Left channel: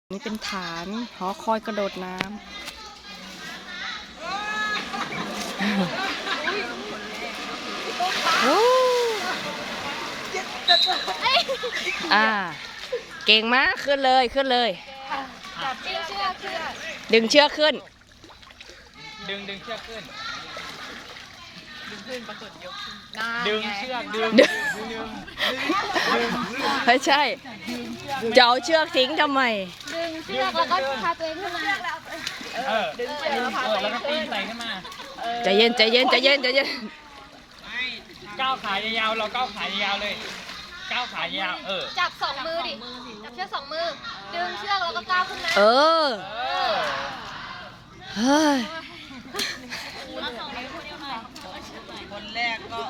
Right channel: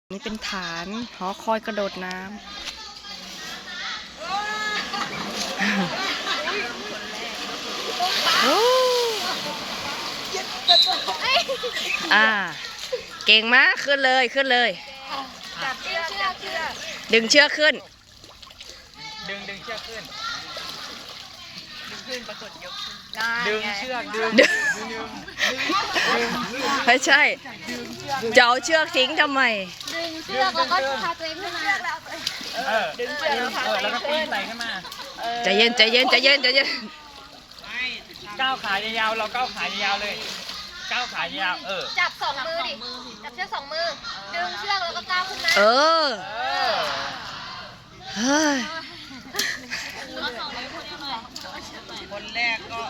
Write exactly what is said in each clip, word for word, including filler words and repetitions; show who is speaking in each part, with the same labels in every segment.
Speaker 1: นี่เป็นฐานหอคอยกระโดดน้ำอ่าเก่งมากขึ้นเลยขึ้นเลยดึงเชือกขึ้น
Speaker 2: ดึงดึงเชือกขึ้นดึงขึ้นปรากฏยกขึ้นดึงเชือกดึงดึง
Speaker 1: ไม่ใช่จะเอาเชือกทิ้งทำไม
Speaker 3: ดึงเชือกแล้วก็พาตัวเองขึ้นมา
Speaker 2: เออดึงเชือกแล้วก็ปีนใส่ขึ้นมา
Speaker 1: ใจเย็นใจเย็นใจเย็นใจเย็น
Speaker 2: ก้าวขายาวๆเราก้าวขายาวเลยก้าวขายาวเออ
Speaker 3: จับสองมือดิจับเชือกสองมือดึงเชือกแล้วก็ก้าวขึ้นมา
Speaker 1: เออเฮ้ย
Speaker 2: คนแรกก็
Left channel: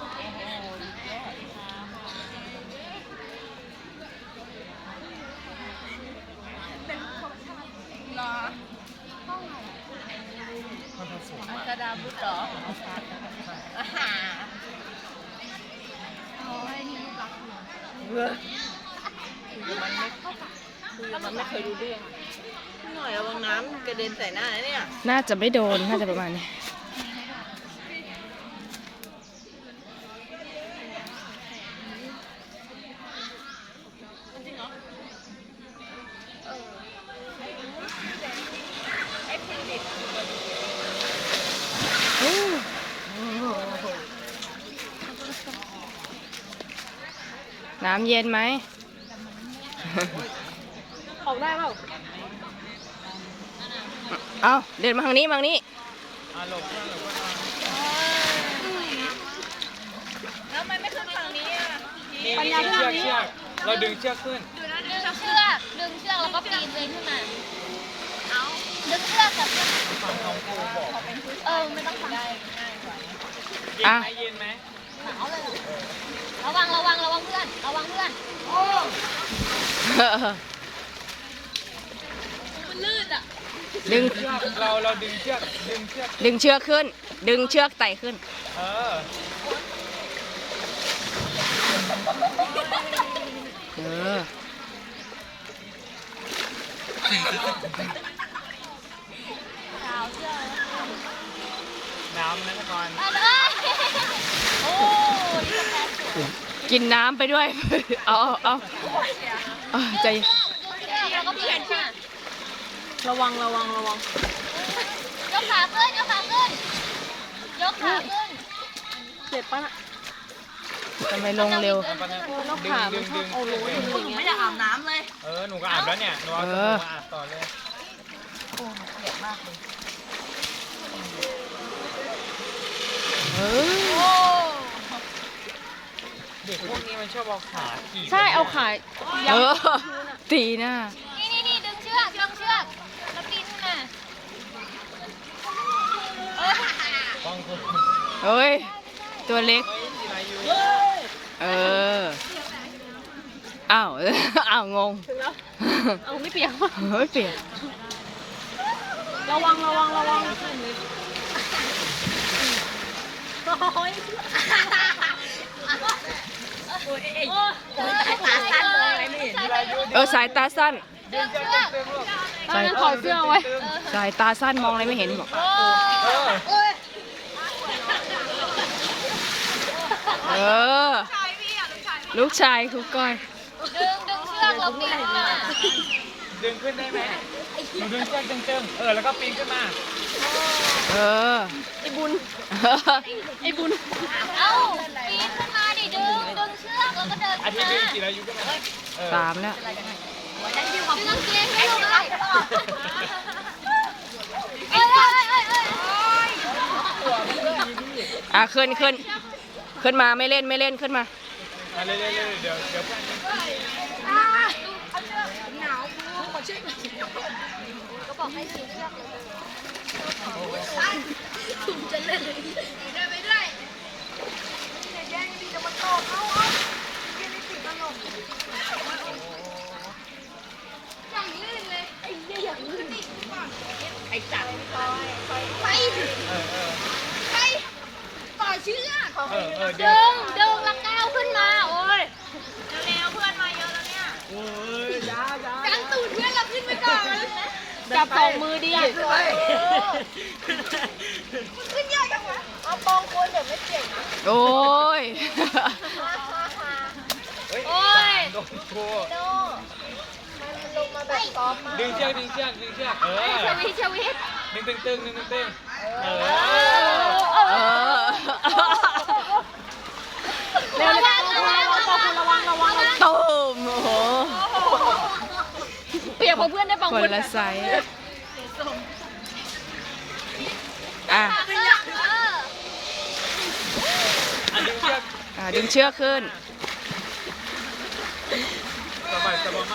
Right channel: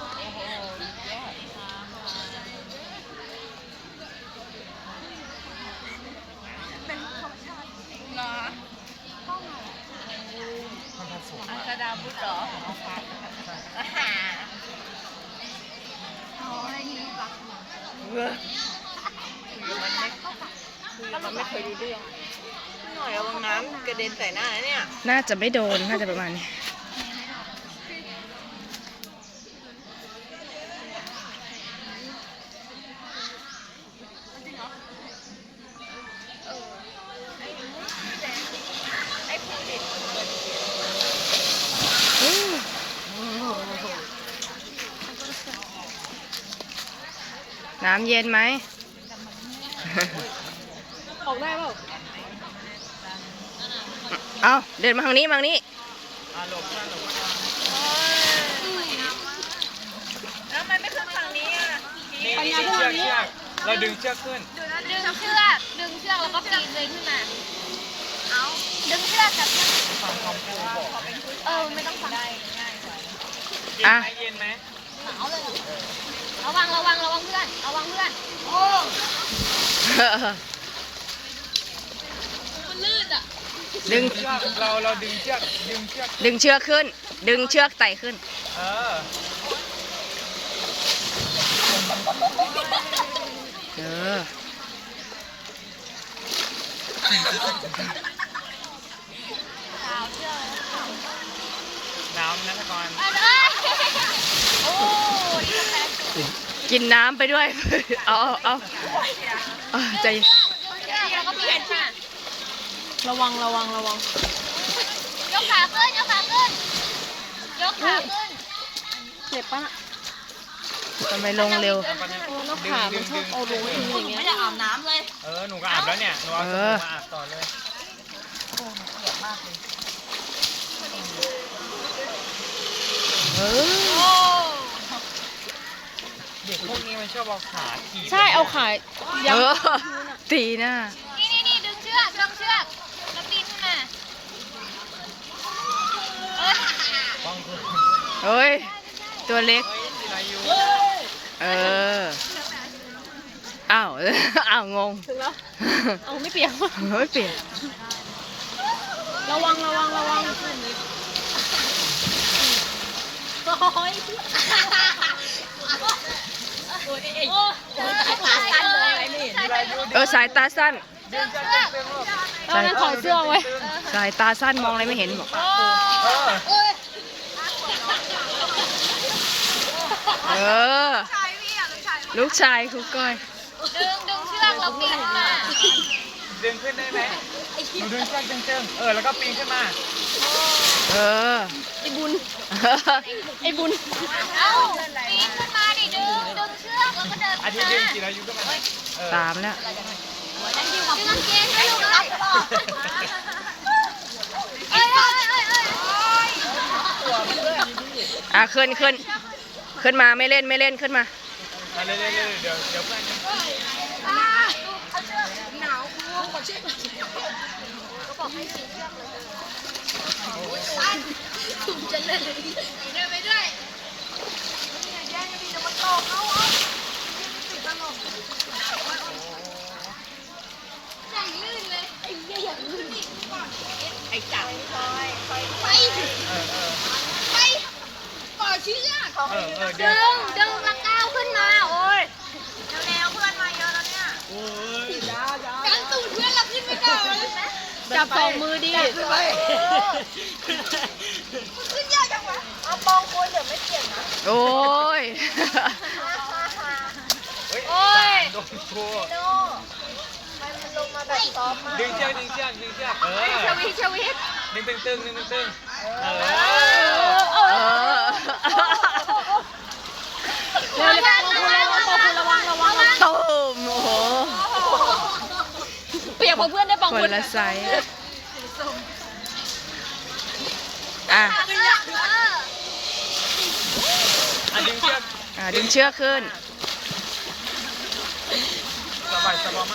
Speaker 3: กระดาษบุตรหรอ
Speaker 4: มันไม่เคยดูเรื่องหน่อยเอาลงน้ำกระเด็นใส่หน้าเนี่ย
Speaker 1: น่าจะไม่โดนน่าจะประมาณนี้น้ำเย็นไหม
Speaker 4: ออกได้เปล่า
Speaker 1: เอาเดินมาทางนี้มาทางนี้
Speaker 4: แล้วมันไม่ขึ้นฝั่งนี้อ่ะ
Speaker 2: ปัญญาเชือกเชือกเราดึงเชือกขึ้น
Speaker 3: ดึงเชือกดึงเชือกแล้วก็ปีนเลยขึ้นมาเอาดึงเชือกจับเออไม่ต้องทำได้
Speaker 1: อ่ะ
Speaker 2: เย็นไหม
Speaker 3: ระวังระวังระวังเพื่อนระวังเพื่อนมันลื่นอ่ะ
Speaker 1: ดึง
Speaker 2: เราเราดึงเชือกดึงเชือก
Speaker 1: ดึงเชือกขึ้นดึงเชือกไต่ขึ้น
Speaker 2: เออ
Speaker 1: เออ
Speaker 2: น้ำนะก่อน
Speaker 1: กินน้ำไปด้วยเอาเอาเอาใจ
Speaker 4: ระวังระวังระวัง
Speaker 3: ยกขาขึ้นยกขาขึ้นยกขาขึ้น
Speaker 4: เจ็บปะ
Speaker 1: ทำไมลงเร็ว
Speaker 2: ดึงดึงดึง
Speaker 4: โอ้โหหนูไม่ได้อาบน้ำเลย
Speaker 2: เออหนูก็อาบแล้วเนี่ย
Speaker 1: เออ
Speaker 2: อาบต่อเลย
Speaker 4: โอ้เจ็บมากเลย
Speaker 1: เออ
Speaker 2: เด็กพวกนี้มันชอบเอาขาขี่
Speaker 4: ใช่เอาขา
Speaker 1: เออตีหน้า
Speaker 3: นี่นี่นี่ดึงเชือกดึงเชือกแล้วปีนขึ้นมา
Speaker 1: เฮ้ยตัวเล็กเอออ้าวอ้าวงง
Speaker 4: ถึงแล้วเอาไม่เปียก
Speaker 1: เฮ้ยเปียก
Speaker 4: ระวังระวังระวังโอ้ยโอ้ยเอ้ยสายตาสั้นเลยไม่เห็น
Speaker 1: เออสายตาสั้น
Speaker 4: สายถอดเสื้อไว้
Speaker 1: สายตาสั้นมองอะไรไม่เห็นบอกเออลูกชายครูก้อย
Speaker 3: ดึงดึงเชือกแล้วปีนขึ้นมา
Speaker 2: ดึงขึ้นได้ไหมดึงเชือกเติมเออแล้วก็ปีนขึ้นมา
Speaker 1: เออ
Speaker 4: ไอ้บุญไอ้บุญ
Speaker 3: เอ้าปีนขึ้นมาดิดึงดึงเชือกแล้วก็เดิน
Speaker 2: อาทิตย์ดึงกี่อายุก็ได้
Speaker 1: สามแล้ว
Speaker 3: ดึงเกียร์ให้ดูเลยเอ้ยเอ้ยเอ้ยเอ้ย
Speaker 1: อ่ะขึ้นขึ้นขึ้นมาไม่เล่นไม่เล่นขึ้นมา
Speaker 2: เร็วเร็วเร็วเดี๋ยวเดี๋ยว
Speaker 4: หนาวกูขอเช็คถุงจะเล่นเลยเดินไปด้วยไม่ได้แย่งดีจะมาตอกเขาอ่ะยังไม่ติดตลก
Speaker 3: อย่างลื่นเลย
Speaker 4: ไอ้เหี้ยอย่างลื่นไอ้จัดไปไปต่อเชือก
Speaker 3: ดึงดึงแล้วก้าวขึ้นมาโอ้ยแนวเพื่อนมาเยอะแล้วเนี่ย
Speaker 2: โอ้ย
Speaker 4: กันตูดเพื่อนเราขึ้นไปก่อนจับสองมือดิขึ้นไปขึ้นยากจังวะเอามองคนเดี๋ยวไม่เก่ง
Speaker 1: โอ้ย
Speaker 2: เฮ้ย
Speaker 3: โอ้ย
Speaker 2: โดนครู
Speaker 4: โน่มันลงมาแบบซ้อม
Speaker 2: ดึงเชือกดึงเชือกดึงเชือกเออ
Speaker 3: ชวิตชวิต
Speaker 2: ดึงตึงตึงดึงตึงตึงเออ
Speaker 3: เออ
Speaker 1: เออ
Speaker 3: เร็วๆระวังระวังระวังระวัง
Speaker 1: ตูมโอ้โห
Speaker 3: เปียกเพื่อนได้ปอง
Speaker 1: คนละไซส์อ่ะ
Speaker 2: อ่ะดึงเชือก
Speaker 1: อ่ะดึงเชือกขึ้น
Speaker 2: สบายสบายมาก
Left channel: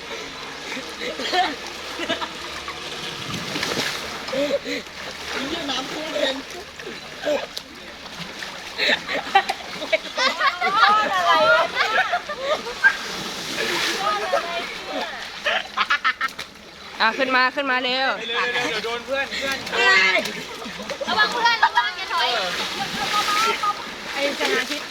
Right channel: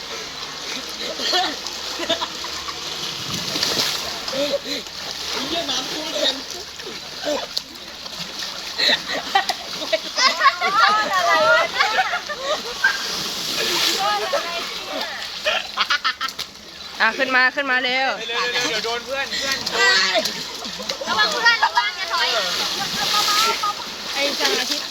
Speaker 1: อ่ะขึ้นมาขึ้นมาเร็ว
Speaker 2: เร็วๆเดี๋ยวโดนเพื่อนเพื่อน
Speaker 3: ระวังเพื่อนระวังอย่าถอย
Speaker 4: ไอ้จังอาทิตย์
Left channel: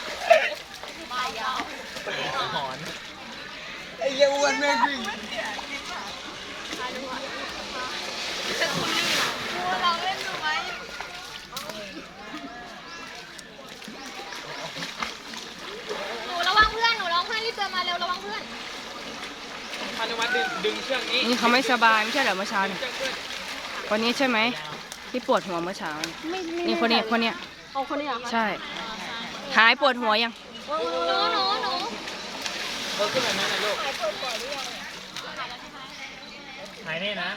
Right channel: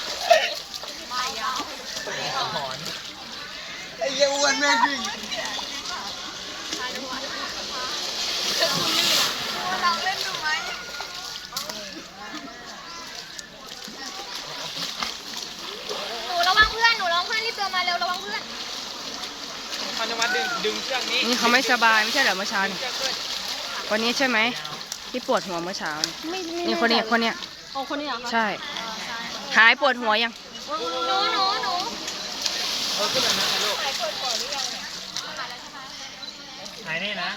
Speaker 3: หนูระวังเพื่อนหนูระวังเพื่อนรีบเตือนมาเร็วระวังเพื่อน
Speaker 2: พันธวัฒน์ดึงดึงเชือกนี้
Speaker 1: นี่เขาไม่สบายไม่ใช่เหรอเมื่อเช้านี่
Speaker 2: เชือกเพื่อน
Speaker 1: คนนี้ใช่ไหมที่ปวดหัวเมื่อเช้านี่
Speaker 4: ไม่ไม่
Speaker 1: นี่คนนี้คนเนี้ย
Speaker 4: เอาคนนี้เหรอคะ
Speaker 1: ใช่ หายปวดหัวยัง
Speaker 3: หนูหนูหนู
Speaker 2: เอาขึ้นมาหน่อยลูกไหนนี่นะ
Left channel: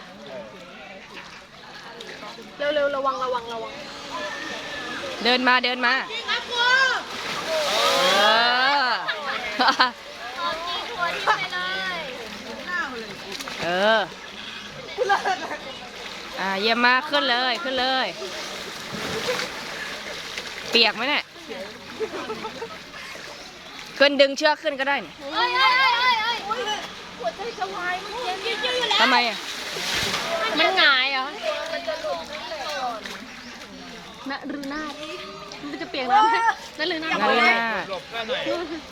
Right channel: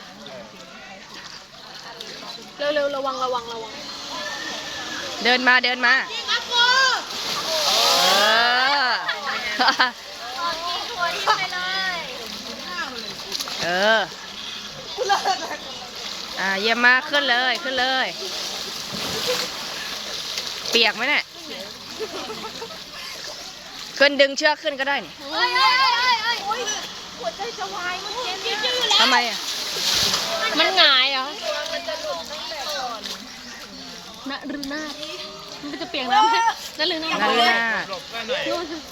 Speaker 4: เร็วเร็วระวังระวังระวัง
Speaker 1: เดินมาเดินมาเออ เออ อ่าเยี่ยมมากขึ้นเลยขึ้นเลย เปียกไหมเนี่ยขึ้นดึงเชือกขึ้นก็ได้นี่
Speaker 3: เอ้ยเอ้ยเอ้ยเอ้ยเอ้ยหัวใจจะวายเมื่อกี้เนี่ย
Speaker 1: ทำไมอ่ะ
Speaker 4: มันหงายเหรอมะรืนาดมันจะเปียกน้ำไหมนั่นหรือนาด
Speaker 1: นารุนาถ
Speaker 2: หลบกันหน่อย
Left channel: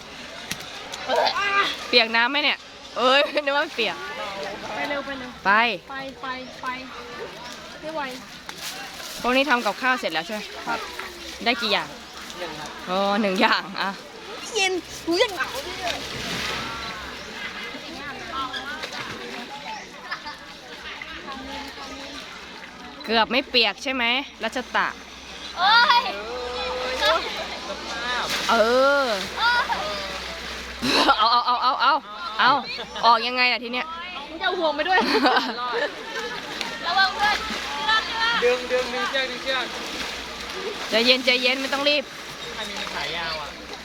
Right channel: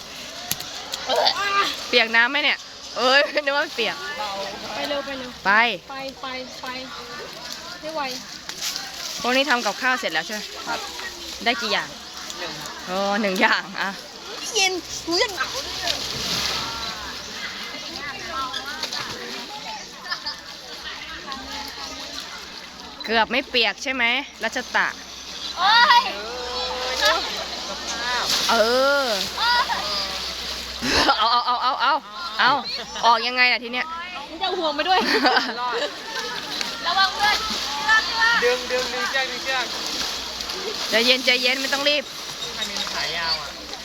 Speaker 1: เปียกน้ำไหมเนี่ย เอ้ยนึกว่าเปียก
Speaker 4: ไปเร็วไปเร็ว
Speaker 1: ไป
Speaker 4: ไปไปไปไม่ไหว
Speaker 1: พวกนี้ทำกับข้าวเสร็จแล้วใช่ไหมครับ ได้กี่อย่างโอ้หนึ่งอย่างอ่ะ
Speaker 4: เย็นหูยังหนาว
Speaker 1: เกือบไม่เปียกใช่ไหมรัชตะ
Speaker 3: เอ้ย
Speaker 1: เออ เอาเอาเอาเอาเอาเอาออกยังไงล่ะทีเนี้ย
Speaker 4: มันจะเอาห่วงไปด้วย
Speaker 3: ระวังเพื่อน
Speaker 2: ดึงดึงดึงเชือกดึงเชือก
Speaker 1: ใจเย็นใจเย็นไม่ต้องรีบ
Speaker 2: อันนี้มันขายาวอ่ะ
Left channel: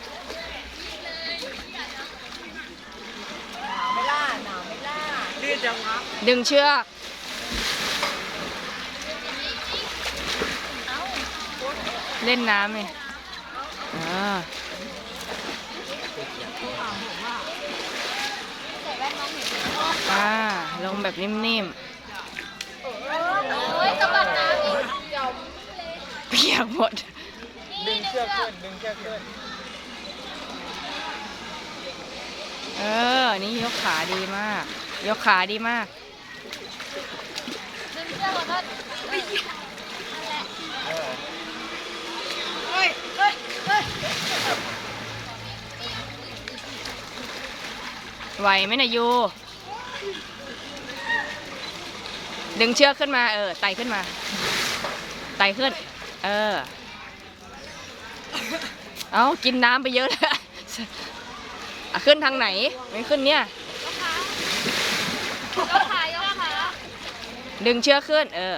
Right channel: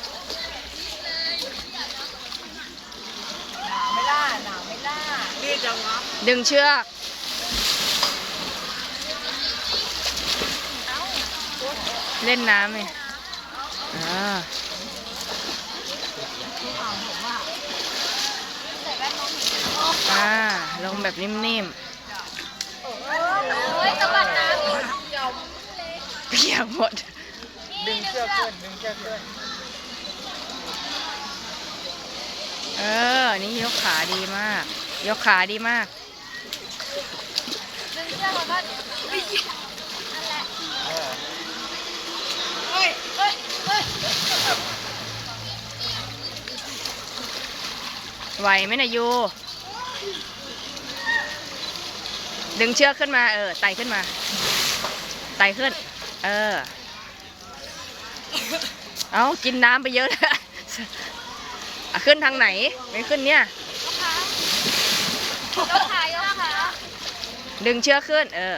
Speaker 2: ไม่ล่าหนาวไม่ล่าดื้อจังวะ
Speaker 1: ดึงเชือก เล่นน้ำไงอ่าอ่าลงแบบนิ่ม
Speaker 3: เฮ้ยสะบัดน้ำ
Speaker 1: ๆ เปียกหมด
Speaker 2: ดึงเชือกขึ้นดึงเชือกขึ้น
Speaker 1: เออ นี่ยกขาดีมาก ยกขาดีมาก
Speaker 3: ดึงเชือกแล้วก็
Speaker 4: เฮ้ยเฮ้ยเฮ้ย
Speaker 1: ไหวไหมนะยู ดึงเชือกขึ้นมา เออ ไต่ขึ้นมา ไต่ขึ้น เออ เอากินน้ำไปเยอะแล้ว อ่ะขึ้นทางไหน ไม่ขึ้นเนี่ย
Speaker 3: ยกขายกขา
Speaker 1: ดึงเชือกขึ้น เออ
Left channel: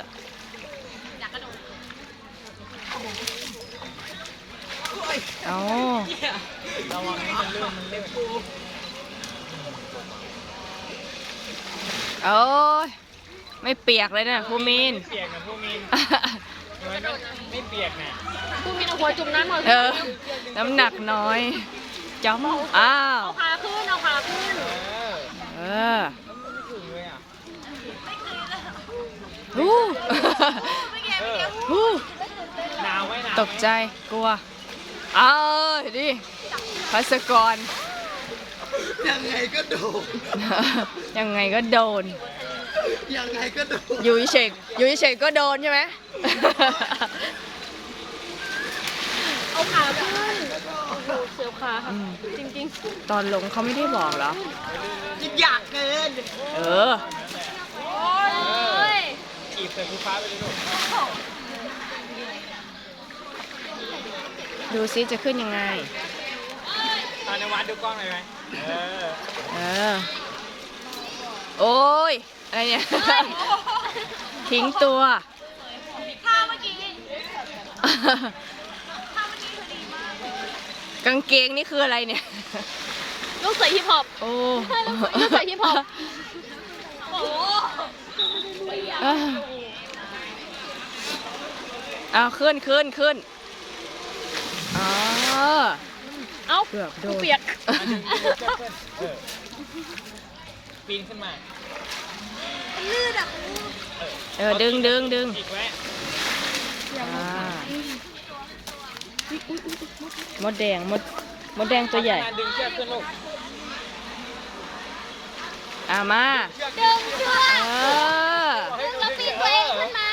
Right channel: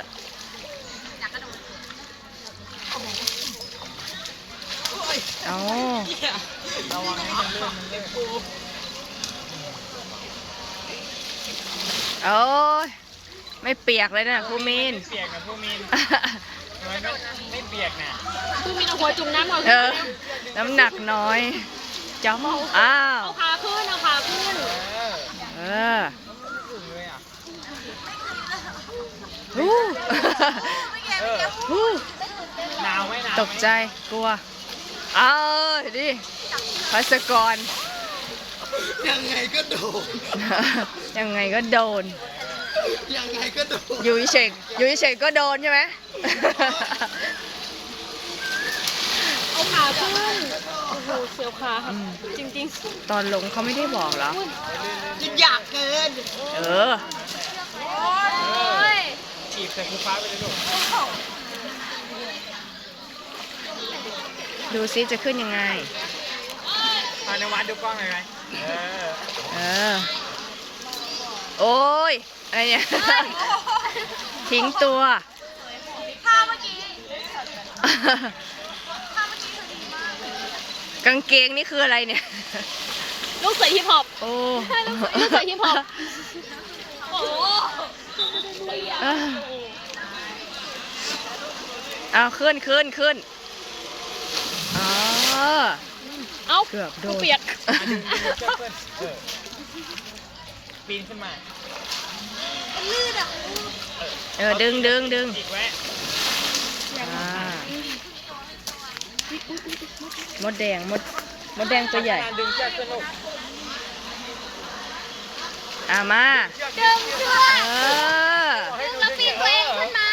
Speaker 1: เอาโอ้ยไม่เปียกเลยนะครูมีน
Speaker 2: เปียกนะพวกมีนทำไมไม่ไม่เปียกเนี่ย
Speaker 4: ผู้มีเอาหัวจุ่มน้ำหน่อย
Speaker 1: เออ น้ำหนักน้อยจ้อมอ้าว
Speaker 4: เอาขาขึ้นเอาขาขึ้น
Speaker 2: เออ
Speaker 1: เออ
Speaker 2: ถึงเลยอ่ะ
Speaker 1: ฮู้
Speaker 2: เออ
Speaker 1: ฮู้
Speaker 2: หนาวไหมหนาว
Speaker 1: ตกใจกลัวเอาดิพัสกร
Speaker 2: ยังไงก็โดน
Speaker 1: ยังไงก็โดน
Speaker 2: เยังไงก็โดน
Speaker 1: อยู่เฉยอยู่เฉยก็โดนใช่ไหม
Speaker 3: เอาขาขึ้นโอ้โหเสียวขาค่ะ
Speaker 1: อืม
Speaker 3: จริง
Speaker 1: ตอนลงเขาไม่ได้บอกเหรอ
Speaker 4: อยากเกิน
Speaker 1: เออ
Speaker 3: ๆเฮ้ย
Speaker 2: ฉีบใส่ภูฟ้าไปเลยลูก
Speaker 1: ดูซิจะขึ้นยังไง
Speaker 2: เอาในวัดดูกล้องเลยไหมเออ
Speaker 1: เออ โอ้ย อะไรเนี่ย ทิ้งตัว กางเกงนี่คืออะไรเนี่ย
Speaker 3: ลูกใส่ฮิปฮอป
Speaker 1: โอ้
Speaker 3: ลูกใส่ฮิปฮอปโอ้โหเปียก
Speaker 1: เออเอาขึ้นขึ้นขึ้นอ๋อ
Speaker 3: เอ้า
Speaker 1: เกือบโดน
Speaker 3: เปียก
Speaker 2: เออปีนขึ้นมา
Speaker 4: ลื่นอ่ะ
Speaker 1: เออ ดึงดึงดึง
Speaker 2: อีกไว้
Speaker 1: อ่า มดแดง มด มดแดงตัวใหญ่
Speaker 2: ดึงเชือกขึ้นลูก
Speaker 1: อ่ามา
Speaker 3: ดึงเชือก
Speaker 1: เออ
Speaker 3: ดึงแล้วปีนตัวเองขึ้นมา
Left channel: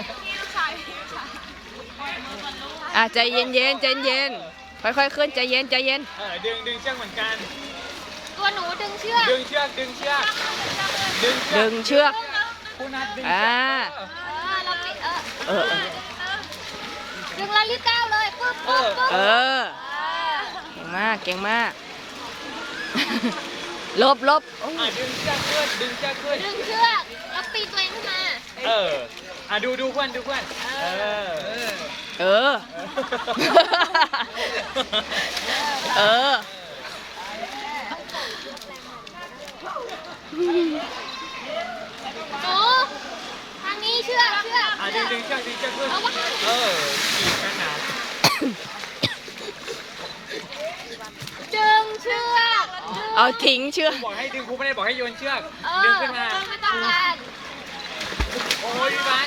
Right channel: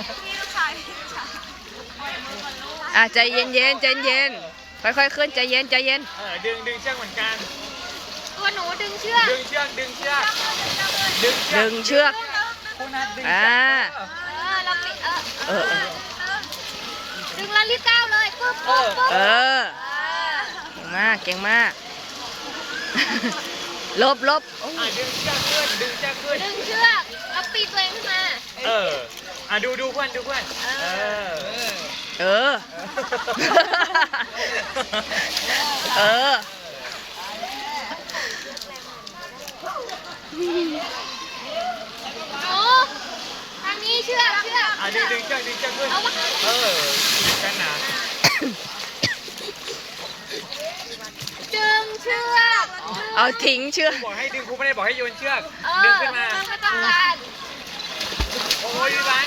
Speaker 1: อ่ะใจเย็นเย็นใจเย็น ค่อยๆขึ้นใจเย็นใจเย็น
Speaker 2: เออดึงดึงเชือกเหมือนกัน
Speaker 3: ตัวหนูดึงเชือก
Speaker 2: ดึงเชือกดึงเชือกดึงเชือก
Speaker 1: ดึงเชือก
Speaker 2: คุณนัทดึง
Speaker 1: อ่า
Speaker 2: เชือก
Speaker 3: เออเราปีนเออ
Speaker 1: เออ เออ
Speaker 3: ดึงแล้วรีบก้าวเลยปึ๊บปึ๊บปึ๊บ
Speaker 1: เออ เก่งมาก เก่งมาก ลบลบโอ้
Speaker 2: เออดึงเชือกขึ้นดึงเชือกขึ้น
Speaker 3: ดึงเชือกแล้วปีนตัวเองขึ้นมา
Speaker 2: เอออ่ะดูดูเพื่อนดูเพื่อนเออเออ
Speaker 1: เออ เออ
Speaker 3: หนูทางนี้เชือกเชือก
Speaker 2: อ่ะดึงดึงเชือกดึงเชือกขึ้น
Speaker 3: เอามา
Speaker 2: เออกันหนา
Speaker 3: ดึงเชือก
Speaker 1: เอาทิ้งเชือก
Speaker 2: บอกให้ดึงครูไม่ได้บอกให้โยนเชือก
Speaker 3: เออ
Speaker 2: ดึงขึ้นมา
Speaker 3: เออไม่ต้องการ
Speaker 2: โอ้ยรัก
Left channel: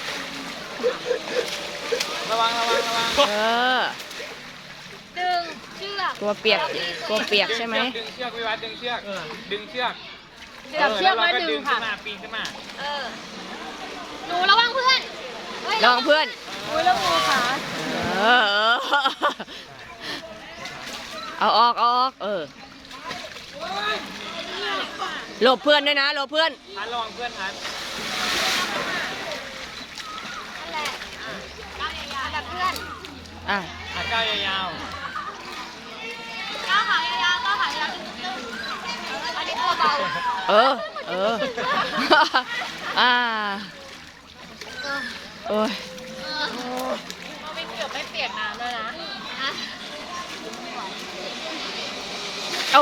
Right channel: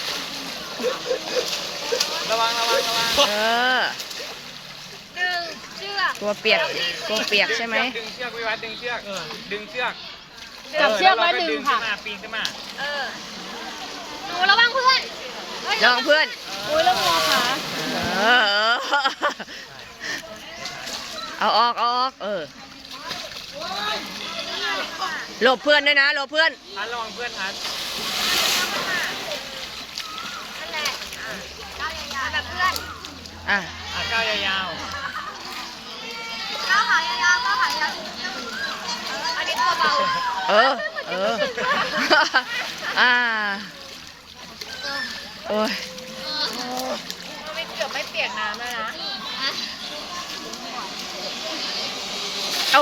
Speaker 2: ระวัง
Speaker 1: เออ
Speaker 3: ดึงเชือก
Speaker 1: กลัวเปียก กลัวเปียกใช่ไหม
Speaker 2: ดึงเชือกวิวัฒน์ดึงเชือกดึงเชือก
Speaker 3: จับเชือกมาดึงค่ะ
Speaker 2: แล้วเราก็ปีนขึ้นมา
Speaker 3: เออหนูระวังเพื่อนเฮ้ย
Speaker 1: ลองเพื่อน
Speaker 3: อุ้ยแล้วงูขา
Speaker 1: เออ เอาออกเอาออก เออ หลบเพื่อนด้วยนะ หลบเพื่อน
Speaker 2: ทันระวังเพื่อนทัน
Speaker 3: นั่นแหละเอาแบบเพื่อน
Speaker 1: อ่ะ
Speaker 2: อ่ะก้าวยาว
Speaker 3: ก้าวขายาวก้าวขายาวอันนี้ตัวเบา
Speaker 1: เออ เออ อ่า โอ้ย
Speaker 3: เออไม่เกือบไม่เปียกน้ำแล้วนะอ่ะ
Speaker 1: โอ้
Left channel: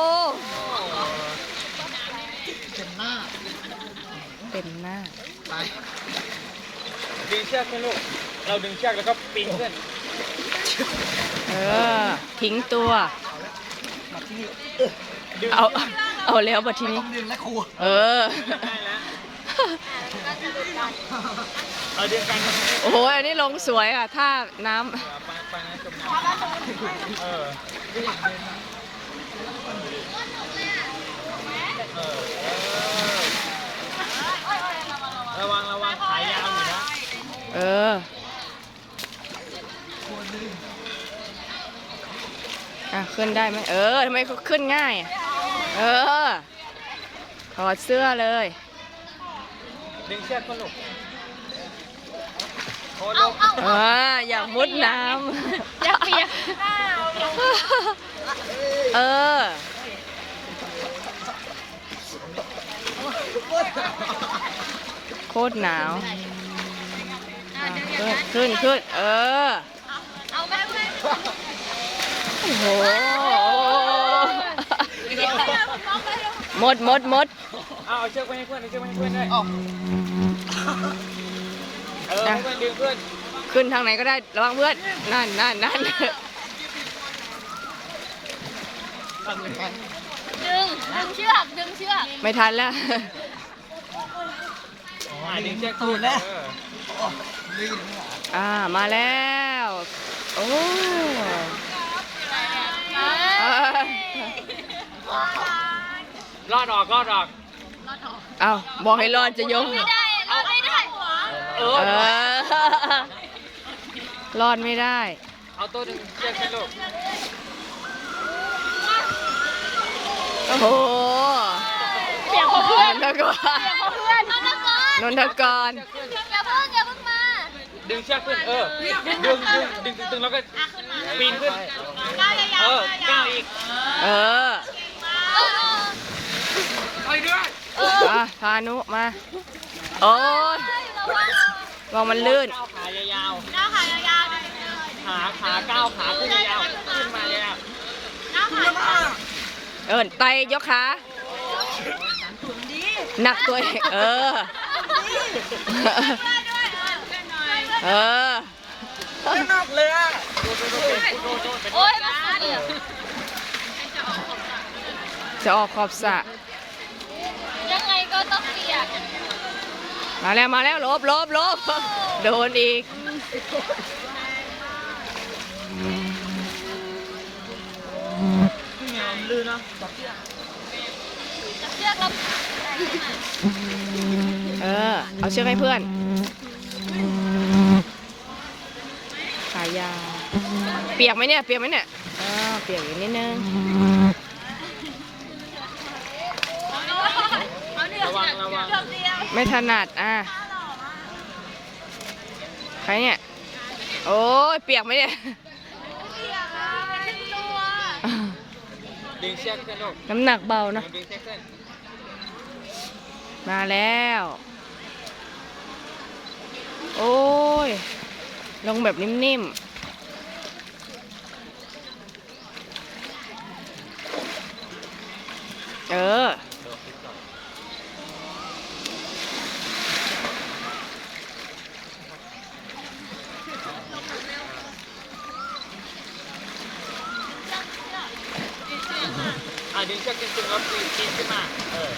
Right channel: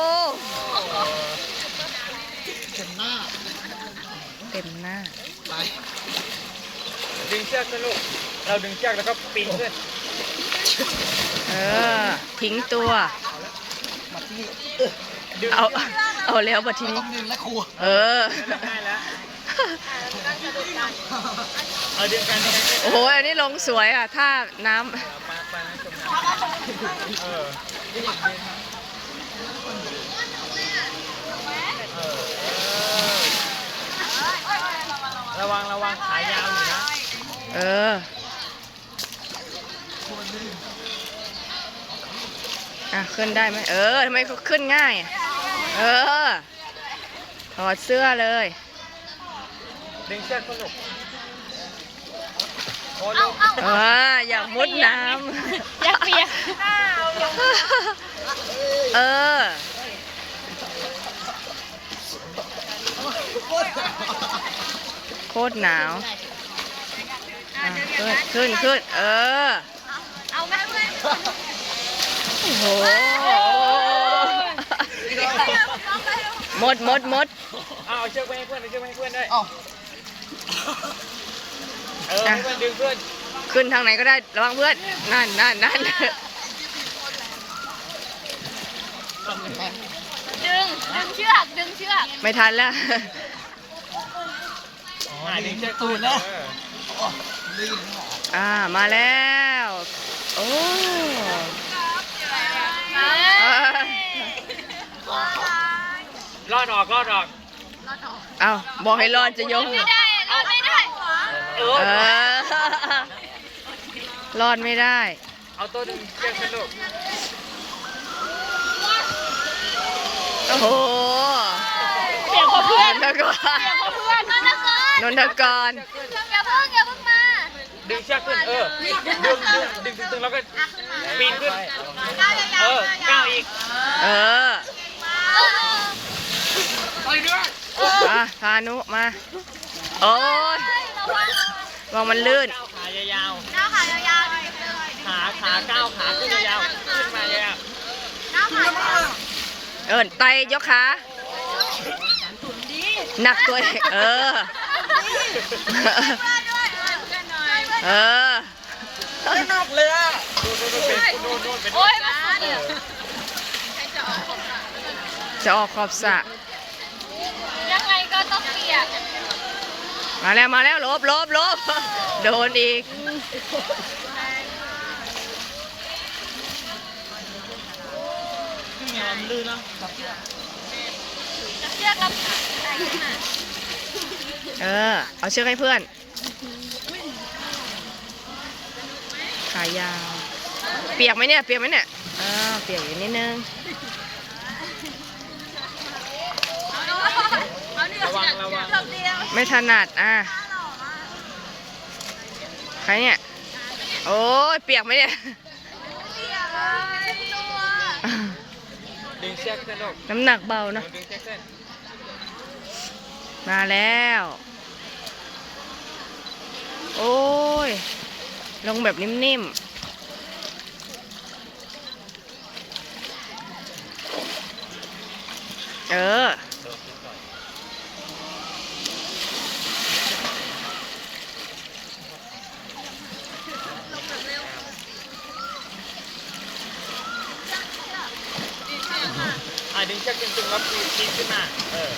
Speaker 2: ๆเต็มหน้า
Speaker 1: เต็มหน้า
Speaker 2: ไปดึงเชือกขึ้นลูกเราดึงเชือกแล้วก็ปีนขึ้น
Speaker 1: เออ ทิ้งตัว
Speaker 2: มาที่นี่ดึง
Speaker 1: เอา เอาแล้วบัดทีนี้
Speaker 2: ดึงและครู
Speaker 1: เออ
Speaker 2: ได้แล้วเอาดึงกัน
Speaker 1: โอ้โห อันนี้ลงสวยอ่ะ ถ้าน้
Speaker 2: การนั้นจมน้ำเออเดินครับระวังระวังขายาวอยู่นะ
Speaker 1: ำ เออ อ่ะ ขึ้นได้ไหม เออ ทำไมเขาขึ้นง่ายอ่ะ เออ ถอดเสื้อเลย
Speaker 2: ดึงเชือกขึ้นลูกโอ้ลูก
Speaker 1: เออ อยากมุดน้
Speaker 3: อยากเปียก
Speaker 1: ำ เออ โคตรหนาว อ่ะ ขึ้น ขึ้น ขึ้น เออ
Speaker 3: เอาไม่ได้เพื่อน
Speaker 1: โอ้โห หมดหมดหมด
Speaker 2: เอาเอาเชือกไปให้เพื่อนเอาเชือกไปให้เพื่อนด้วยเออให้เพื่อนดึงเพื่อน
Speaker 1: ขึ้นทางไหนก็ได้ ระวังเพื่อน นั่นนั่นนั่น
Speaker 3: ดึงดึงเชือกดึงเชือก
Speaker 1: ไม่ทันแล้ว
Speaker 2: อ๋อดึงเชือกตูดแล้ว
Speaker 1: อ่า มาแล้ว โอ้เออ
Speaker 2: รอดออกรอดออก
Speaker 3: ร
Speaker 1: เอาบอกให้รอดจะยก
Speaker 3: ไม่ได้รอดไม่ได้
Speaker 2: เอ
Speaker 1: เอ
Speaker 2: อ
Speaker 1: อ รอดไม่ได้
Speaker 2: เอาตัวดึงเชือกขึ้นลูก
Speaker 1: โอ้โห
Speaker 4: เปลี่ยนคนเพื่อน
Speaker 1: นนทกร
Speaker 3: นนทกร
Speaker 1: นนทกร
Speaker 3: อย่าเพิ่งอย่าเพิ่งมา
Speaker 2: ดึงเชือกขึ้นเออดึงดึงดึงดึงดึงแล้วก็ปีนขึ้น
Speaker 3: ก้าวยาว
Speaker 2: เออก้าวอีก
Speaker 1: เออ
Speaker 2: ไปด้วย
Speaker 1: อ่ะพานุมา โอ้ยมองมันลื่น
Speaker 2: ขายาว
Speaker 3: ๆก้าวขายาวๆ
Speaker 2: ๆขาขาก้าวขาขึ้นยาวขึ้นมายาว
Speaker 3: ก้าวขา
Speaker 1: เอินไตยกขา หนักตัวเองเออ เออ
Speaker 2: หนักเลยอ่ะ
Speaker 3: โอ้ยมาสุด
Speaker 1: จะออกขอบสระ
Speaker 3: ยังไงก็ต้องเปียก
Speaker 1: มาแล้วมาแล้วลบลบลบโดนอีก
Speaker 2: งามลื่นนะ
Speaker 3: เชือกแล้ว
Speaker 1: เออ เอาเชือกให้เพื่อน ขายาว เปียกไหมเนี่ย เปียกไหมเนี่ยอ้าวเปียกอยู่นิดนึง
Speaker 2: ระวังระวัง
Speaker 1: ไม่ถนัดอ่ะ ใครเนี่ย โอ้ยเปียกไหมเนี่ย
Speaker 2: ดึงเชือกขึ้นลูก
Speaker 1: น้ำหนักเบาเนอะ
Speaker 2: ดึงเชือกขึ้น
Speaker 1: มาแล้ว โอ้ย ลงแบบนิ่มๆ เออ
Speaker 2: อ่ะดึงเชือกจริงๆแล้วปีนปีนขึ้นมาเออ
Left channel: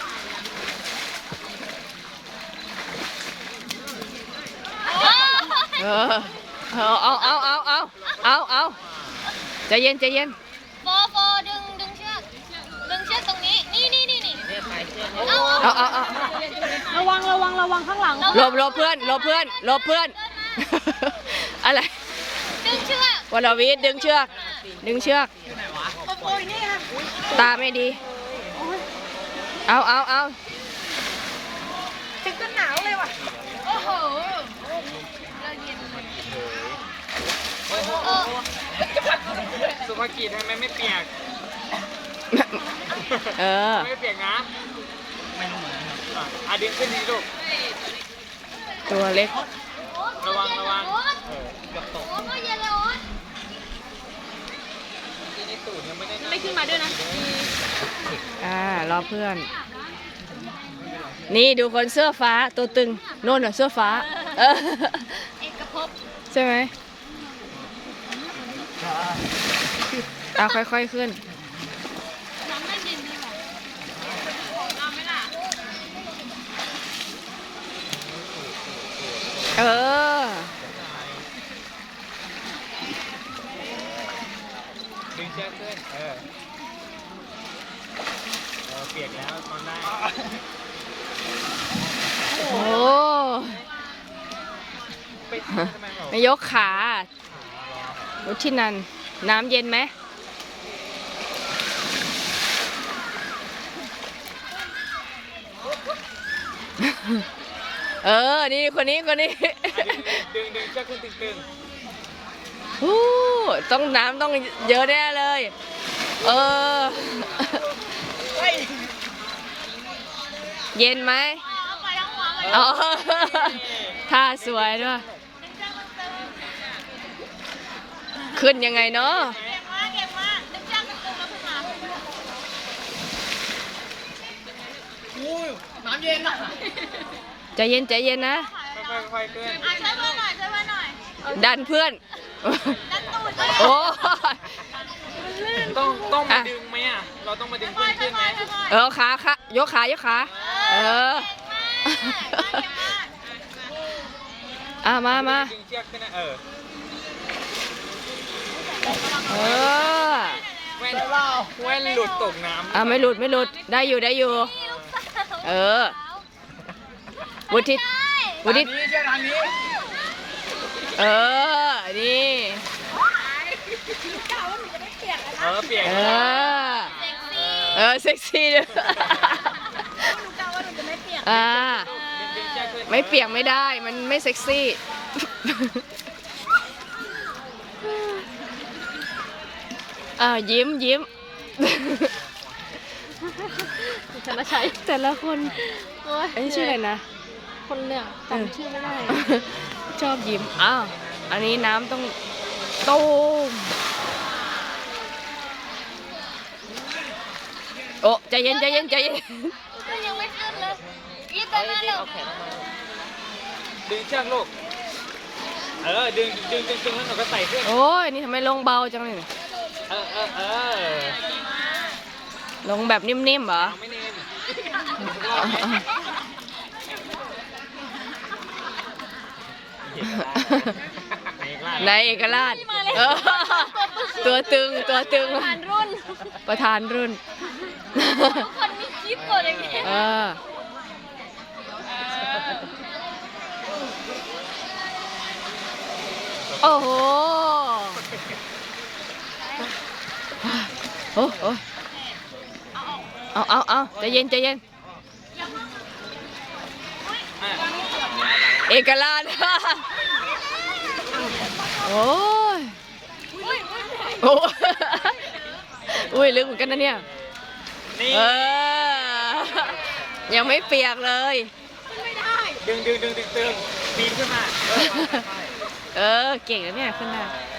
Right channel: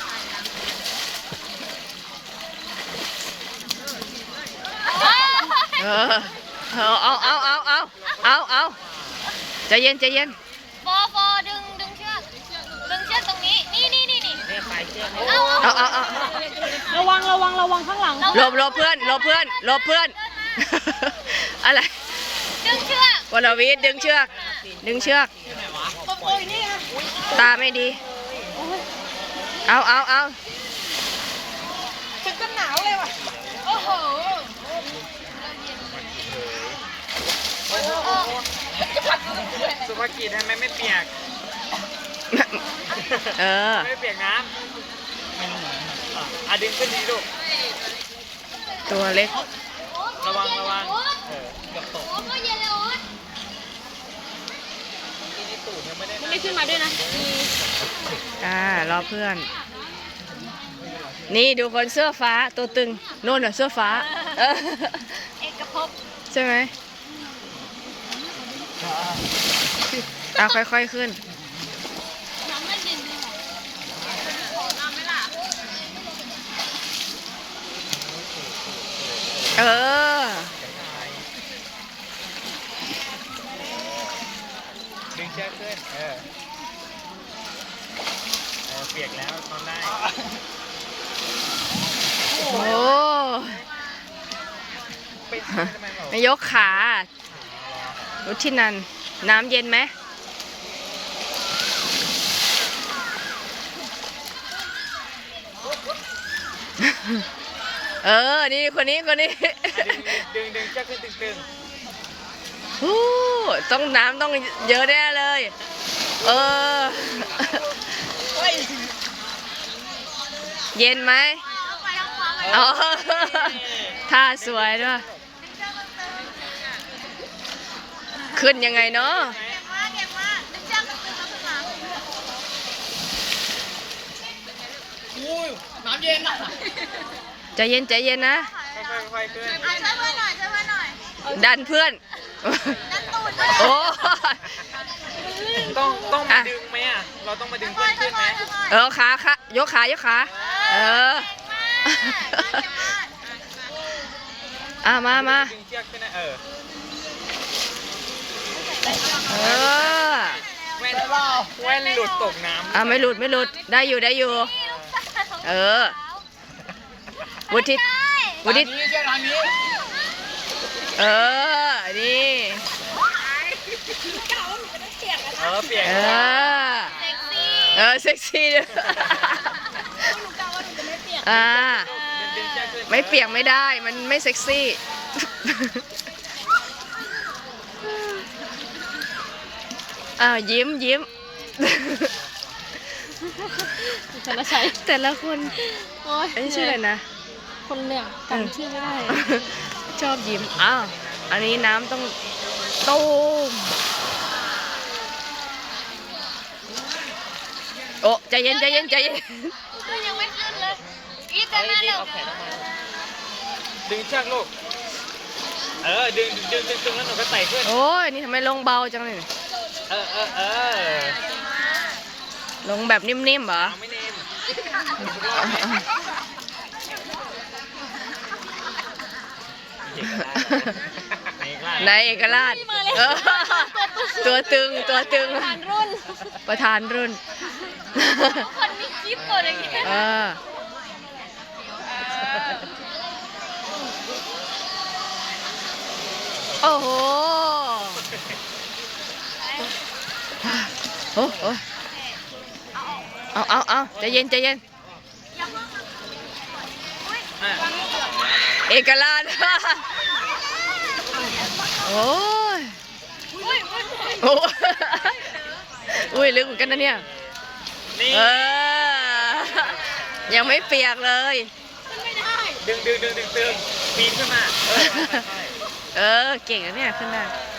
Speaker 1: เออ เอาเอาเอาเอาเอาเอาเอาใจเย็นใจเย็น
Speaker 3: โฟโฟดึงดึงเชือกดึงเชือกตรงนี้นี่นี่นี่นี่
Speaker 2: เนี่ยสายเชือก
Speaker 3: เอา
Speaker 1: เอาเอาเอา
Speaker 4: ระวังระวังระวังข้างหลัง
Speaker 1: หลบหลบเพื่อนหลบเพื่อนหลบเพื่อน อะไร
Speaker 3: ดึงเชือก
Speaker 1: วรวิทย์ดึงเชือก ดึงเชือก
Speaker 4: โอ้ยนี่ค่ะ
Speaker 1: ตาไม่ดี เอาเอาเอา
Speaker 4: ฉันก็หนาวเลยว่ะ โอ้โห
Speaker 2: สุภกิจทำไมไม่เปียก
Speaker 1: เออ
Speaker 2: ไม่เปียกน้ำไม่รู้เหมือนกันครับอ่ะดึงขึ้นดีลูก
Speaker 1: ตัวเล็ก
Speaker 2: ระวังระวังเออเกือบตก
Speaker 3: โอ้โหเย็นเลยโอ๊ต
Speaker 2: ที่นี่ตูดยังไม่ได้
Speaker 4: ไม่ขึ้นมาด้วยนะ
Speaker 1: อ่ารอเพื่อน นี่ดูคนเสื้อฟ้าตัวตึงโน่นน่ะเสื้อฟ้า เออ
Speaker 3: เอกภพ
Speaker 1: ใช่ไหมเอาค่อยๆขึ้น
Speaker 3: น้องนั่งเย็นดีกว่า
Speaker 1: เออ
Speaker 2: ดึงเชือกขึ้นเออโอ้เปียกแล้วทำได้
Speaker 1: โอ้
Speaker 2: ไปทำไมออก
Speaker 1: ไม่ยกขารุชินัน น้ำเย็นไหม เออ นี่คนนี้คนนี้
Speaker 2: ดึงดึงเชือกขึ้นตึง
Speaker 1: ฮู้ต้องน้ำต้องเยอะแน่เลย เออ เย็นไหมอ๋อท่าสวยด้วย ขึ้นยังไงเนาะ
Speaker 3: เก่งมากเก่งมากดึงเชือกดึงเชือกขึ้นมา
Speaker 2: ๆอุ้ยน้ำเย็นอ่ะ
Speaker 1: ใจเย็นใจเย็นนะ
Speaker 2: ค่อยๆขึ้น
Speaker 3: ช่วยเพื่อนหน่อยช่วยเพื่อนหน่อย
Speaker 1: ดันเพื่อน
Speaker 3: ดันตูดด้วย
Speaker 1: โอ้
Speaker 2: ต้องต้องมาดึงไหมอ่ะเราต้องมาดึงเพื่อนขึ้นไหม
Speaker 1: เออขาขายกขายกขา เออ อ่ะมามา
Speaker 2: ดึงเชือกขึ้นนะเออ
Speaker 1: เออ
Speaker 2: แว่นแว่นหลุดตกน้ำ
Speaker 1: อ่ะไม่หลุดไม่หลุด ได้อยู่ได้อยู่
Speaker 3: นี่ลูกสาว
Speaker 1: เออ วุฒิวุฒิ
Speaker 2: ทางนี้เชือกทางนี้
Speaker 1: เออ นี่
Speaker 2: เออเปลี่ยน
Speaker 1: เออ เออ เซ็กซี่ด้วย
Speaker 4: หนูกะว่าหนูจะไม่เปียก
Speaker 1: อ่า
Speaker 2: ดึงเชือกขึ้น
Speaker 1: ไม่เปียกไม่ได้ มันไม่เซ็กซี่ อ่ายิ้มยิ้ม
Speaker 4: ธนชัย
Speaker 1: แต่ละคน
Speaker 4: โอ้ย
Speaker 1: อันนี้ชื่ออะไรนะ
Speaker 4: คนเหลือง
Speaker 1: เออ
Speaker 4: จำชื่อไม่ได้
Speaker 1: ชอบยิ้ม อ้าว อันนี้น้ำต้องตูมโอ้ใจเย็นใจเย็นใจเย็น
Speaker 3: ยังไม่ขึ้นเลยอีก
Speaker 2: เฮ้
Speaker 3: แต่
Speaker 2: ย
Speaker 3: นั่น
Speaker 2: รี
Speaker 3: เล
Speaker 2: บ
Speaker 3: ย
Speaker 2: เอาแขนออกมาดึงเชือกลูก เออ ดึงดึงดึงดึงแล้วมันก็ไต่ขึ้น
Speaker 1: โอ้ยนี่ทำไมลงเบาจังเลย
Speaker 2: เออเออเออ
Speaker 1: ลงแบบนิ่มๆเหรอ
Speaker 2: ไม่เน้น
Speaker 1: นายเอกราชเออตัวตึงตัวตึง
Speaker 4: รุ่น
Speaker 1: ประธานรุ่น
Speaker 3: คนมีคลิปหมดอย่างเงี้ย
Speaker 1: เออ โอ้โห โอ้โหเอาเอาเอาใจเย็นใจเย็น เอกราช โอ้ย โอ้ยอุ้ยลึกเหมือนกันนะเนี่ย
Speaker 2: นี่
Speaker 1: เออ ยังไม่เปียกเลย
Speaker 4: ไม่ได้
Speaker 2: ดึงดึงดึงดึงดึงปีนขึ้นมา
Speaker 1: เออ เก่งนะเนี่ย ขึ้นได้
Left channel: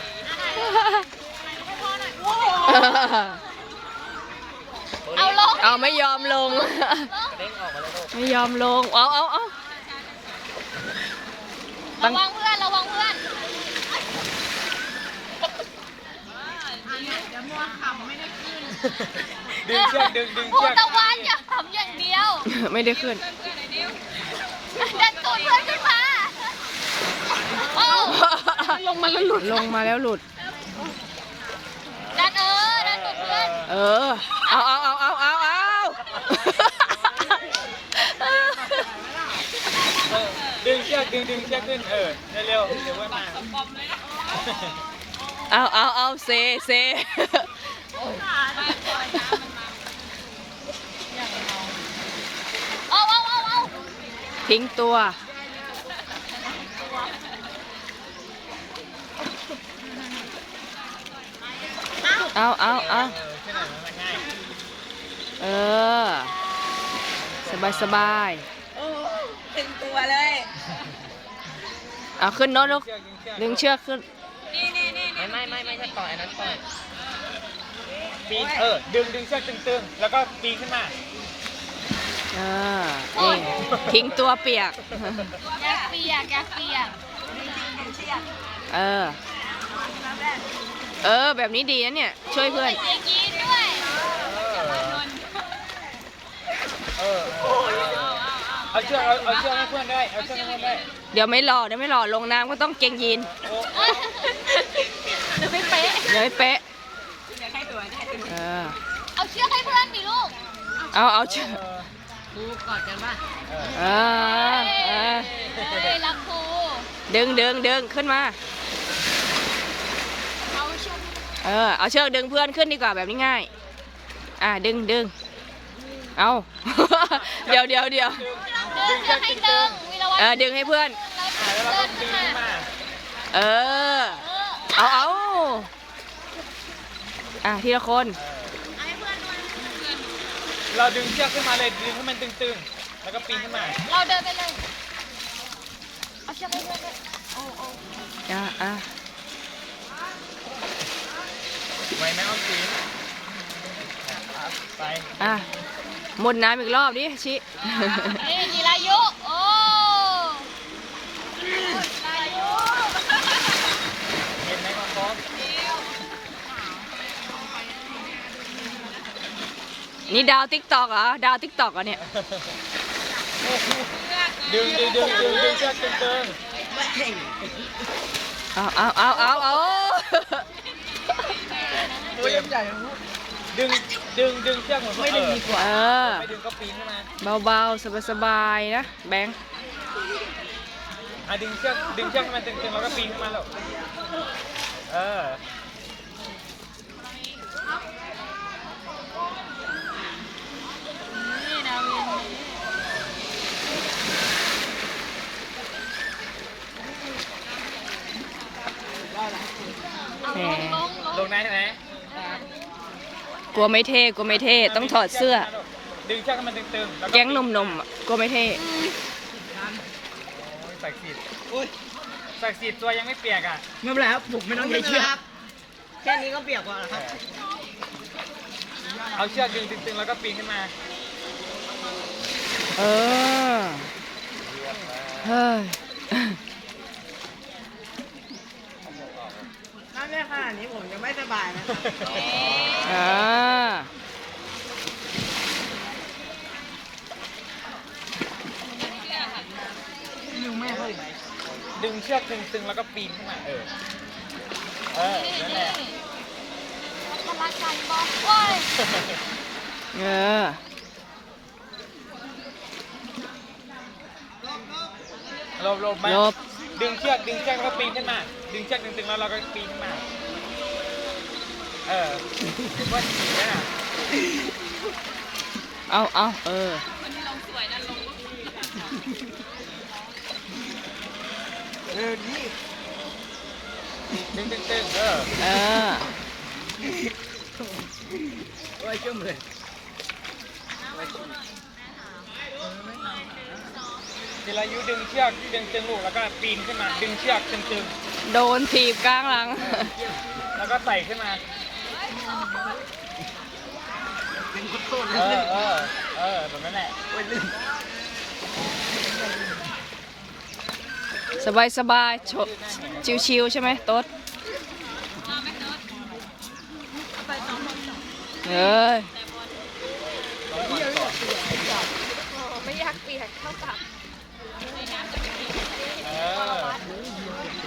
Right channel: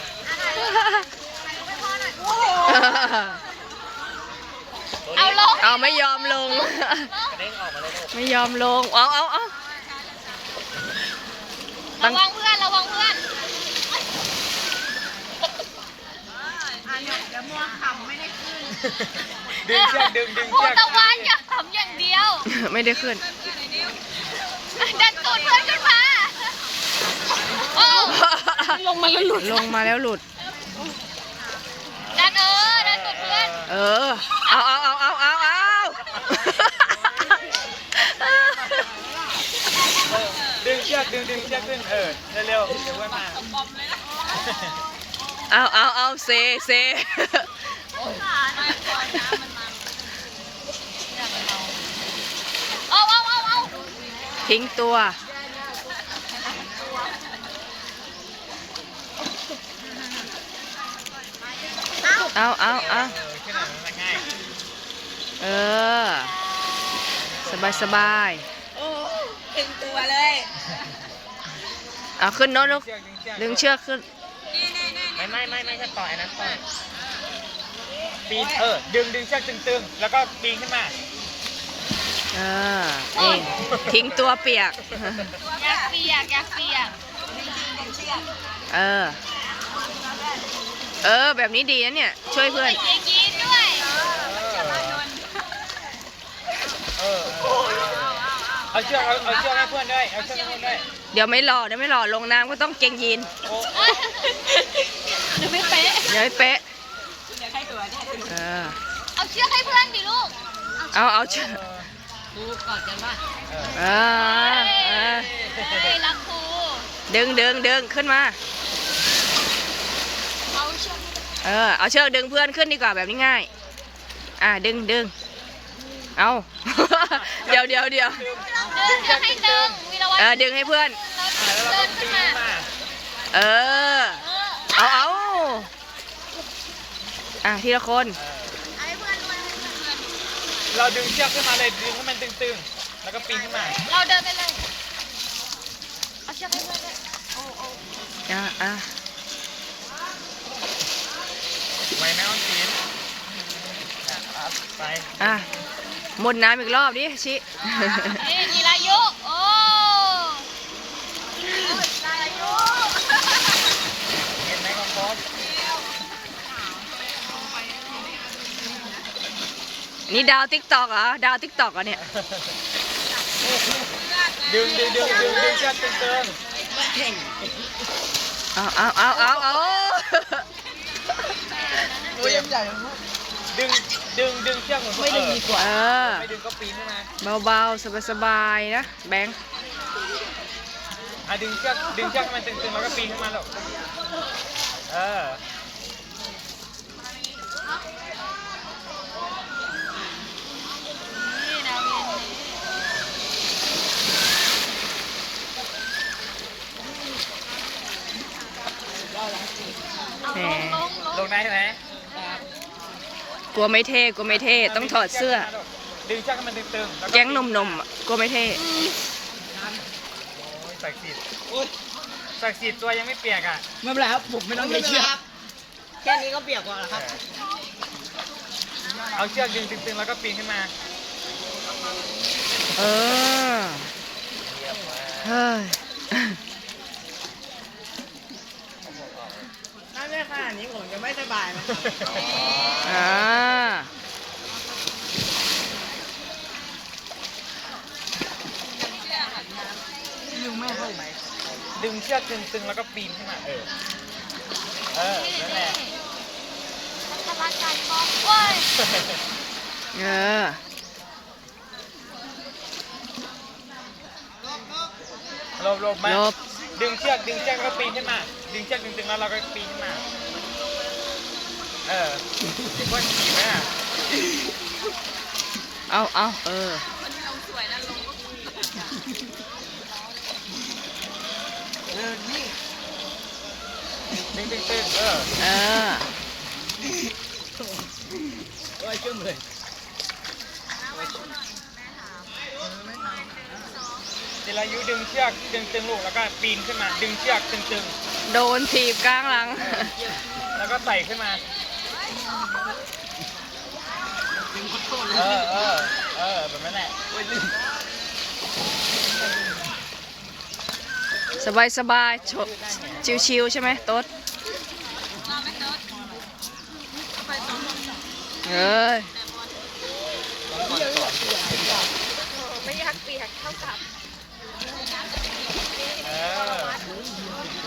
Speaker 3: เอาลง
Speaker 1: เอาไม่ยอมลง
Speaker 2: กระเด้งออกมาเลยลูก
Speaker 1: ไม่ยอมลง เอาเอาเอาตั้
Speaker 3: ระ
Speaker 1: ง
Speaker 3: วังเพื่อนระวังเพื่อน
Speaker 2: ดึงเชือกดึงดึง
Speaker 3: โอ้
Speaker 2: เชือก
Speaker 3: ตะวันอย่าทำอย่างเดียว
Speaker 1: ไม่ได้ขึ้น
Speaker 3: ดันตูดเพื่อนขึ้นมาโอ้
Speaker 1: ลงมาแล้วหลุด ลงมาแล้วหลุด
Speaker 3: ดันเออดันตูดเพื่อน
Speaker 1: เออ เอาเอาเอาเอาเอาเอา
Speaker 2: ดึงเชือกดึงดึงเชือกขึ้นเออเร็วๆเดี๋ยวเพื่อนมา
Speaker 1: เอาเอาเอาเซเซ
Speaker 3: เอาเอาเอาเอา
Speaker 1: ทิ้งตัว เอาเอาเอา
Speaker 2: เออขึ้นหน่อยมันง่าย
Speaker 1: เออ สบายสบาย
Speaker 4: โอ้ถึงตัวเลย
Speaker 1: เอาขึ้นโน้ตลูก
Speaker 2: เชือกดึงเชือก
Speaker 1: ดึงเชือกขึ้น
Speaker 2: ไม่ไม่ไม่ไม่ใช่ต่ออันนั้นต่อปีนเออดึงดึงเชือกตึงๆแล้วก็ปีนขึ้นมา
Speaker 1: เออ นี่ ทิ้งตัวเปียก
Speaker 3: อยากเปียกอยากเปียก
Speaker 1: เออ เออ แบบนี้ดีนะเนี่ย ช่วยเพื่อน
Speaker 3: อยากกินด้วย
Speaker 2: เออเออเอาเชือกเอาเอาเชือกให้เพื่อนได้เอาเชือกให้เพื่อนได้
Speaker 1: เดี๋ยวไม่รอเดี๋ยวไม่รอลงน้ำก็ต้องเกงยีน
Speaker 2: โอ้
Speaker 4: หรือไม่เป๊ะ
Speaker 1: เดี๋ยวไม่เป๊ะ
Speaker 4: เดี๋ยวให้ตัวเนี่ย
Speaker 1: เออ
Speaker 3: เอาเชือกให้เพื่อนดิลูก
Speaker 1: เอาเอาเชือก
Speaker 4: ดูกอดกันป่ะ
Speaker 1: เออเออ
Speaker 3: เฮ้ยรักครู
Speaker 1: ดึงดึงดึงขึ้นมา
Speaker 4: เอาเชือก
Speaker 1: เออ เอาเชือกดึงเพื่อนขึ้นดีกว่าแบบนี้ง่าย อ่ะดึงดึงเอา เดี๋ยวเดี๋ยวเดี๋ยว
Speaker 3: เดินเดินให้เดินมีระวัง
Speaker 1: เออ ดึงให้เพื่อน
Speaker 3: เดินขึ้นมา
Speaker 1: เออ เอาเอาอ่ะทีละคน
Speaker 2: เราดึงเชือกขึ้นมาเลยดึงให้มันตึงๆแล้วก็ปีนขึ้นมา
Speaker 3: เราเดินไปเลยเอาเชือกให้เพื่อนด้วย
Speaker 1: อ่ะอ่ะ
Speaker 2: ไงนะคุณปีนไป
Speaker 1: อ่ะหมดน้ำอีกรอบดิชิ
Speaker 3: เอ้ยกีฬายุโอ้
Speaker 2: เห็นไหมของโค้ช
Speaker 1: นี่ดาวติ๊กตอกเหรอ ดาวติ๊กตอกเหรอเนี่ย
Speaker 2: ดึงดึงดึงดึงดึงเชือกตึง
Speaker 1: เอาเอาเอาเอาเอา
Speaker 2: ๆตัวยังใหญ่
Speaker 1: เ
Speaker 2: ดึงดึงดึงเชือกไม่ดึงดีกว่า
Speaker 1: เออ
Speaker 2: ไม่ดึงก็ปีนขึ้นมา
Speaker 1: เบาๆ สบายๆ นะ แบงค์
Speaker 2: อ่ะดึงเชือกดึงเชือกมันตึงๆแล้วก็ปีนขึ้นมาหรอกเออ
Speaker 1: แหม
Speaker 2: ลงได้ไหม
Speaker 1: กลัวไม่เท่ กลัวไม่เท่ ต้องถอดเสื้อ
Speaker 2: ดึงเชือกให้มันตึงๆล้ว
Speaker 1: แก๊งหนุ่มๆอ่ะกลัวไม่เท่
Speaker 2: ใส่สีดใส่สีดตัวยังไม่เปียกอ่ะ
Speaker 5: ไม่เป็นไรครับผมไม่ต้องมีเชือกแค่นี้ก็เปียกกว่าแล้วครับ
Speaker 2: เอาเชือกดึงตึงๆแล้วก็ปีนขึ้นมา
Speaker 1: เออ เฮ้ย
Speaker 5: ถ้าได้ขนาดนี้ผมจะไม่สบายนะครับ
Speaker 1: อ่า
Speaker 2: ดึงเชือกตึงๆแล้วก็ปีนขึ้นมาเออ เออ นั่นแหละ
Speaker 1: เออ
Speaker 2: หลบหลบมา
Speaker 1: ลบ
Speaker 2: ดึงเชือกดึงเชือกแล้วก็ปีนขึ้นมา ดึงเชือกตึงๆแล้วเราก็ปีนขึ้นมา เออเพื่อนหนีนะ
Speaker 1: เอาเอาเออ
Speaker 5: เออนี่
Speaker 2: ดึงตึงๆเออ
Speaker 1: เออ
Speaker 5: โอ้ยจุ่มเลย
Speaker 2: เจรายุดึงเชือกดึงตึงลูกแล้วก็ปีนขึ้นมา ดึงเชือกตึง
Speaker 1: โดนถีบกลางหลัง
Speaker 2: ๆแล้วก็ใส่ขึ้นมา
Speaker 5: เป็นขอโทษ
Speaker 2: เอ
Speaker 5: เลย
Speaker 2: อ เออ เออแบบนั้นแหละ
Speaker 5: โอ้ยลืม
Speaker 1: สบายสบายชชิวๆใช่ไหมโต๊ดเอ้ย
Speaker 3: ไม่อยากเปียกเข้ากับ
Speaker 2: เออ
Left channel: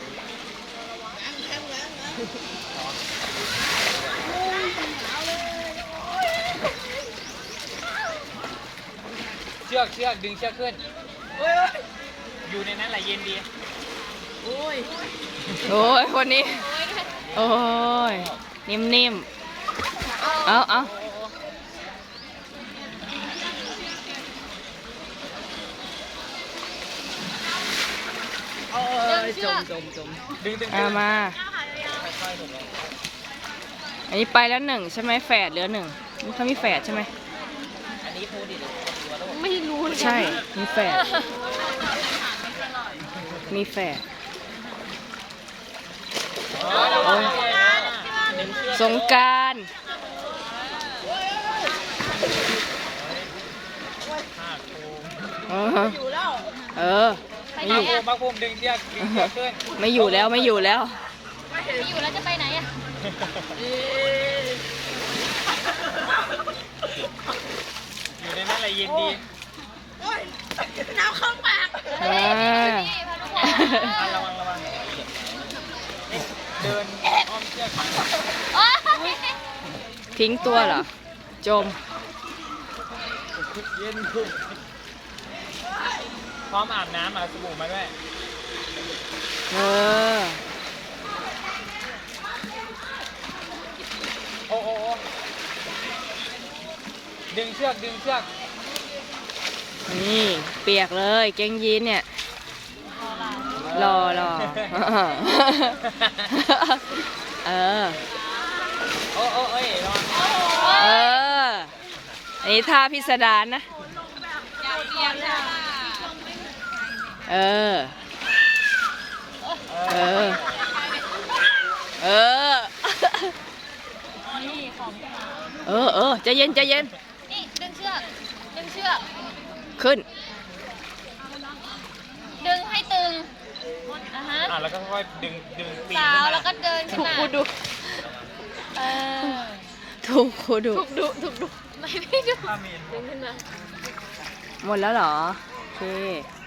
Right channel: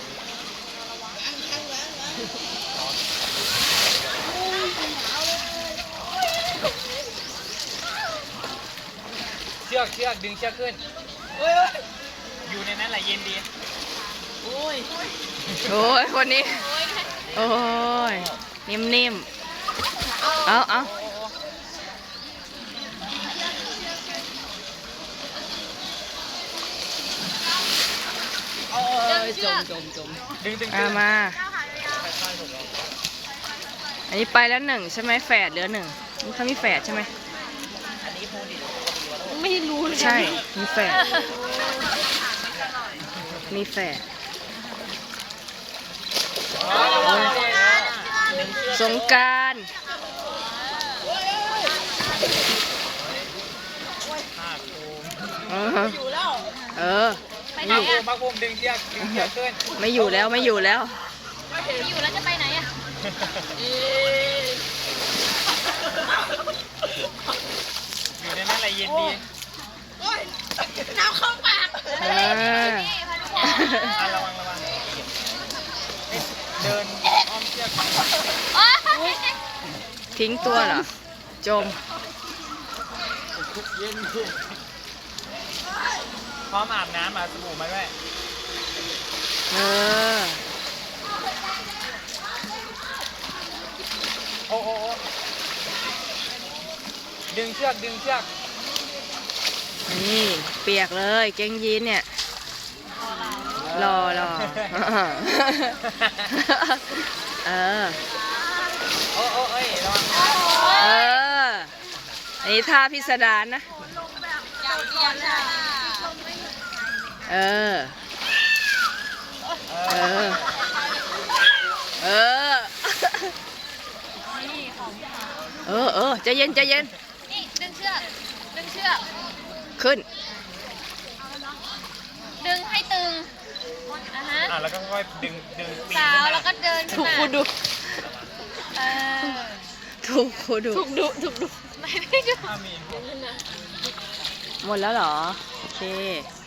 Speaker 2: เชือกเชือกดึงเชือกขึ้น
Speaker 5: โอ้ย
Speaker 2: อยู่ในนั้นแหละเย็นดี
Speaker 5: โอ้ย
Speaker 1: โอ้ยคนนี้ โอ้ย นิ่มๆ เอาเอา
Speaker 5: โอ้ยจมจมจม
Speaker 2: ดึงตึงๆ
Speaker 1: เอามา อันนี้ไปแล้วหนึ่งใช่ไหมแฝดเหลือหนึ่งนี่เขามีแฝดใช่ไหม
Speaker 3: ไม่รู้เลย
Speaker 1: ใช่ มีแฝด มีแฝด โอ้ย สงกรารเออ
Speaker 5: อยู่แล้ว
Speaker 1: เออ ไม่อยู่
Speaker 2: พระภูมิดึงเชือกดึงเชือกขึ้น
Speaker 1: ไม่อยู่แล้วไม่อยู่แล้ว
Speaker 3: อยู่แล้วจะไปไหนอ่ะ
Speaker 5: เอ๊ะ
Speaker 2: อยู่ในนั้นแหละเย็นดี
Speaker 5: โอ้ยน้ำเข้าปาก
Speaker 1: อ่า
Speaker 2: อ่ะระวังระวังเดินอ้อมเชือก
Speaker 1: ทิ้งตัวเหรอ จม
Speaker 2: เย็นคุกพร้อมอาบน้ำมาสบู่มาด้วย
Speaker 1: เออ
Speaker 2: โอ้โอ้โอ้ดึงเชือกดึงเชือก
Speaker 1: นี่เปียกเลยเกงยีนเนี่ย รอรอ เออ
Speaker 2: โอ้โอ้เอ้ยระวัง
Speaker 1: เออ อันนี้ท่าพิสดารนะ เออ เออ เออ เออเออใจเย็นใจเย็น
Speaker 3: นี่ดึงเชือกดึงเชือก
Speaker 1: ขึ้น
Speaker 3: ดึงให้ตึงอ่ะฮะ
Speaker 2: อ่ะแล้วก็ค่อยดึงดึงปีน
Speaker 3: สา
Speaker 2: ขึ้น
Speaker 3: ว
Speaker 2: มา
Speaker 3: แล้วก็เดิน
Speaker 1: ถูกคูดู
Speaker 3: เออ
Speaker 1: ถูกคูดู
Speaker 3: ถูกดุถูกดุไม่ได้ดุ
Speaker 2: ถ้ามี
Speaker 1: หมดแล้วเหรอ โอเค